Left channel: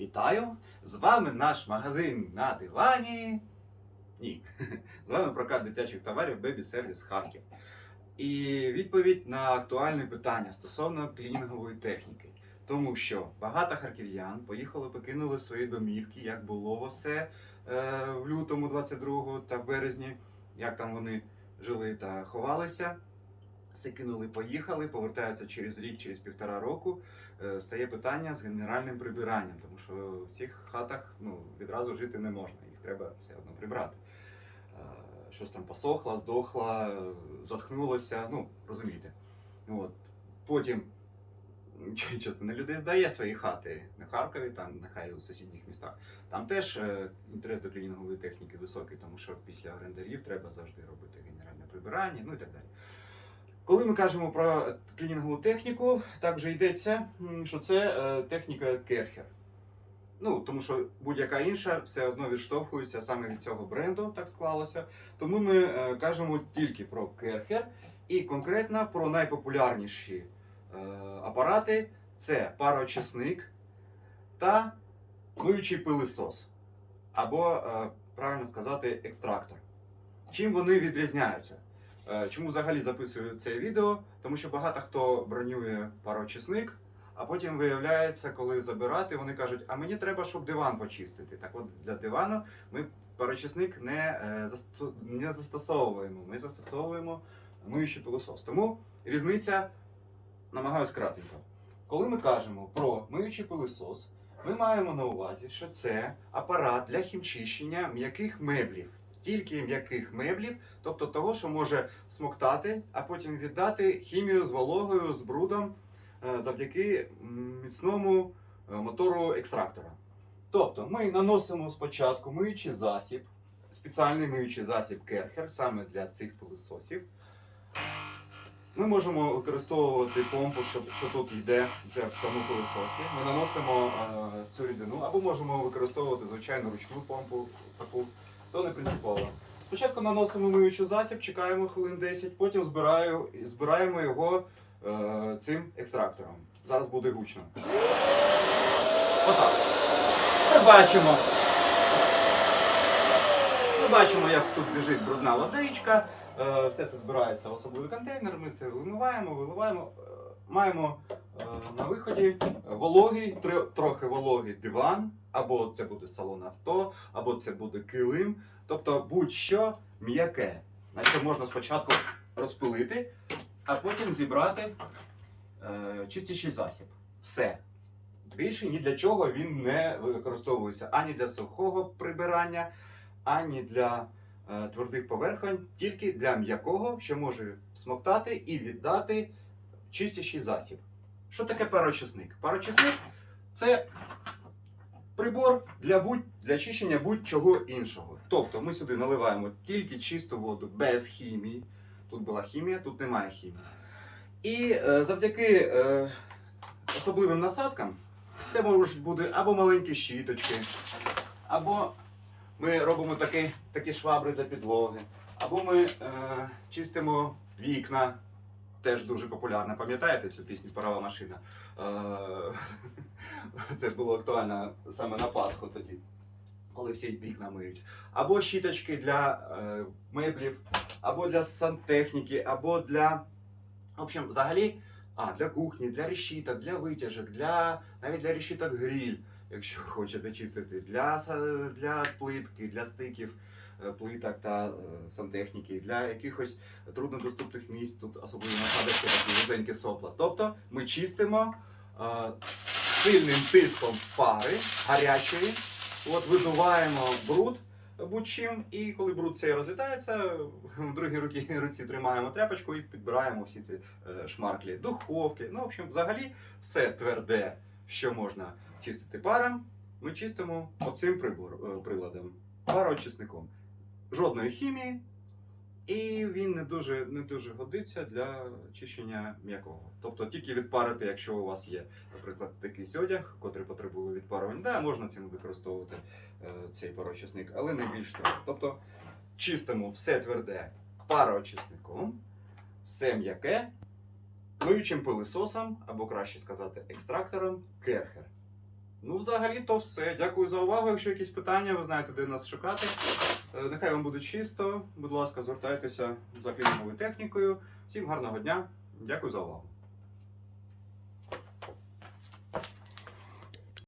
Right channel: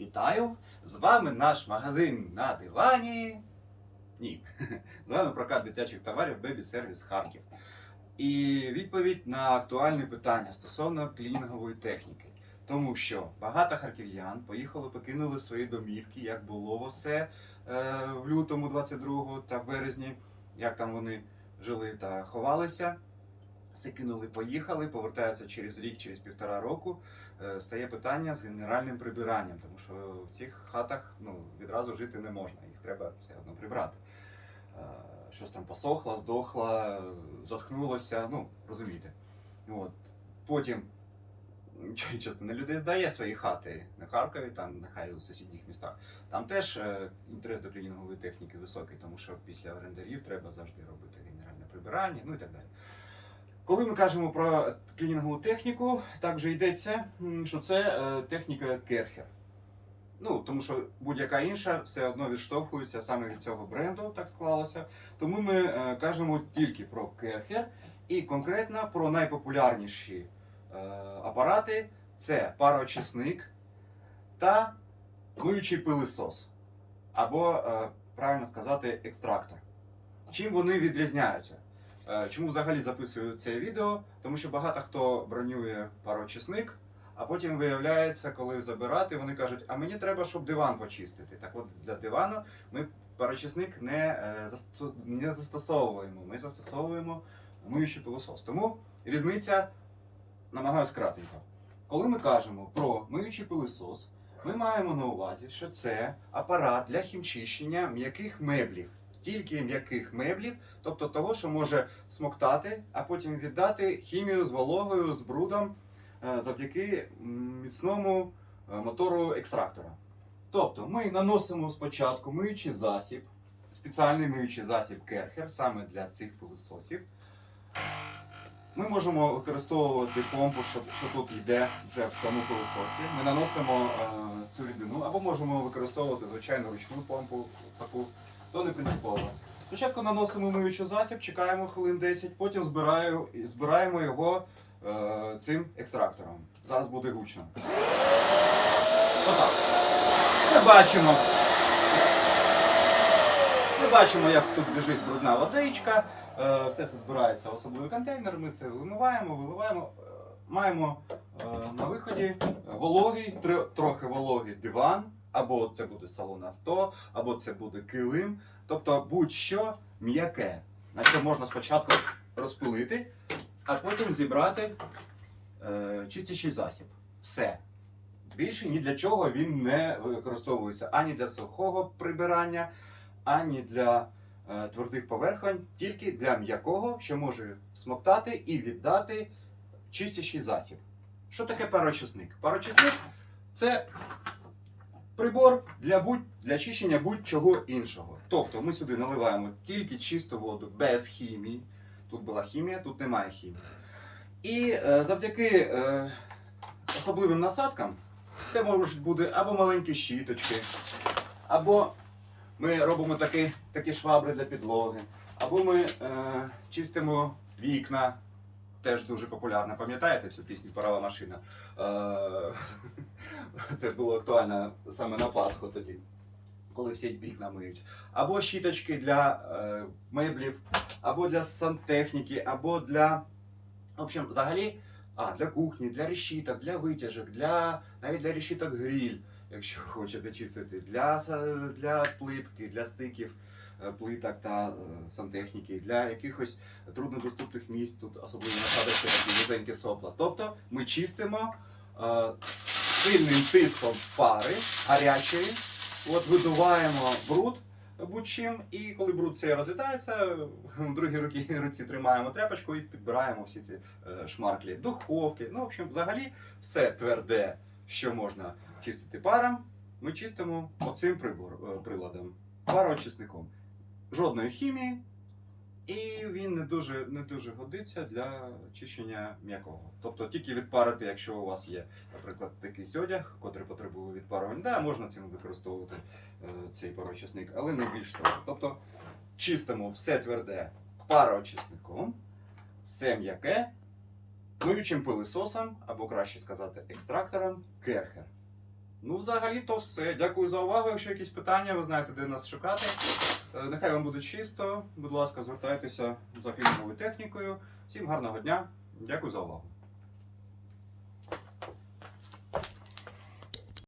Вітаю! З вами наш магазин на дивані. Ні, з вами прокат дитячих товарів Baby Service Харків. І відповідь на актуальне питання стосовно клінінгової техніки. Тому що багато харків'ян поїхали, покинули свої домівки, як було все е, в лютому 22-го та березні, як там вони жили та ховалися. Все кинули, поїхали, повертаються через рік, через півтора року. Е, стає питання з генеральним прибиранням, тому що в цих хатах ну, відразу жити не можна, їх треба все одно прибрати. Е, Щось там посохло, здохло, затхнулося, ну, розумієте. От. Потім частина людей здає свої хати на Харкові, там нехай у сусідніх містах. Там теж е, інтерес до клінінгової техніки високий, тому що після орендарів треба завжди робити генеральне прибирання, ну і так далі. Коли ми кажемо про клінінгову техніку, так вже йдеться, що це е, техніка Керхер. Ну, тому що будь-яка інша все одно відштовхується саме від цього бренду, так склалося. Тому ми е, кажемо тільки про Керхер і конкретно про найпопулярніші е, апарати це пароочисник та миючий пилисос. Або, правильно сказати, екстрактор. Чим вони відрізняються? Е, Чому взагалі записую це відео? Тому що багато хто бронює пароочисник, а потім виявляється, коли забирати, вони кажуть, а мені треба, щоб диван почистити. Так от для дивану ми пароочисник не, е, не застосовуємо. Ми застосовуємо миючий пилосос. Тому різниця намагаюсь кратенько. Коли ми кажемо про миючий пилосос, ми маємо на увазі, що це апарат для хімчищення м'яких меблів. Тільки м'яких меблів, тобто того, що може смоктати, а потім віддати хімію з вологою, з брудом е, завдяки міцному е, мотору екстрактора. Тобто ми наносимо спочатку миючий засіб, спеціальний миючий засіб Керхер саме для цих пилососів. Ми можемо використовувати помпу, що, що тут йде вже в цьому пилососі. Ми наносимо е, цю рідину, або можемо використовувати звичайну ручну помпу, таку, то не принципово. Спочатку наносимо миючий засіб, чекаємо хвилин 10, потім збираю, збираємо його е, цим екстрактором. Зараз буде гучно. Отак. Ми бачимо. Ми бачимо, як тут біжить брудна водичка. Е, Все це збирається в особливий контейнер. Ми це вимиваємо, виливаємо. Маємо е, на виході вологий, тр- трохи вологий диван, або це буде салон авто, або це буде килим. Тобто будь-що м'яке. На що можна спочатку розпилити, а потім зібрати е, чистячий засіб. Все. Більше ні для чого він не використовується ані для сухого прибирання, ані для е, твердих поверхонь, тільки для м'якого, що може смоктати і віддати чистячий засіб. Що таке парочисник? Парочисник це прибор для, будь, для чищення будь-чого іншого. Тобто ми сюди наливаємо тільки чисту воду без хімії. Тут була хімія, тут немає хімії. І е, завдяки е, особливим насадкам це можуть бути або маленькі щіточки, або ми робимо такі, такі швабри для підлоги, або ми е, чистимо вікна. Теж дуже популярна. Пам'ятаєте цю пісню Парова машина? Е, це було актуально саме на Пасху тоді, коли всі вікна миють. Або щіточки для е, меблів, або для сантехніки, або для. В общем, взагалі, а, для кухні, для решіток, для витяжок, для навіть для решіток гриль, якщо хочете чистити, для, для плитки, для стиків плиток та е, сантехніки, для якихось труднодоступних місць, тут особливо насадочки такі вузенькі сопла. Тобто ми чистимо е, сильним тиском пари гарячої, от видуваємо бруд будь-чим, і коли бруд цей розлітається, в другій руці, руці тримаємо тряпочку і підбираємо всі ці е, шмарклі, духовки. Ну, в общем, взагалі, все тверде, що можна чистити паром, ми чистимо оцим е, приладом, пароочисником. Жодної хімії, і він не дуже, не дуже годиться для чищення м'якого. Тобто тільки відпарити, якщо у вас є, наприклад, такий одяг, котрий потребує відпарування, да, можна цим використовувати е, цей пароочисник, але не більш того. Тобто чистимо все тверде пароочисником, все м'яке, миючим пилисосом, або краще сказати, екстрактором керхер. Ну, взагалі, то все. Дякую за увагу. Якщо якісь питання, ви знаєте, де нас шукати. Е, Нехай вам буде чисто. Будь ласка, звертайтеся за кліновою технікою. Всім гарного дня. Дякую за увагу.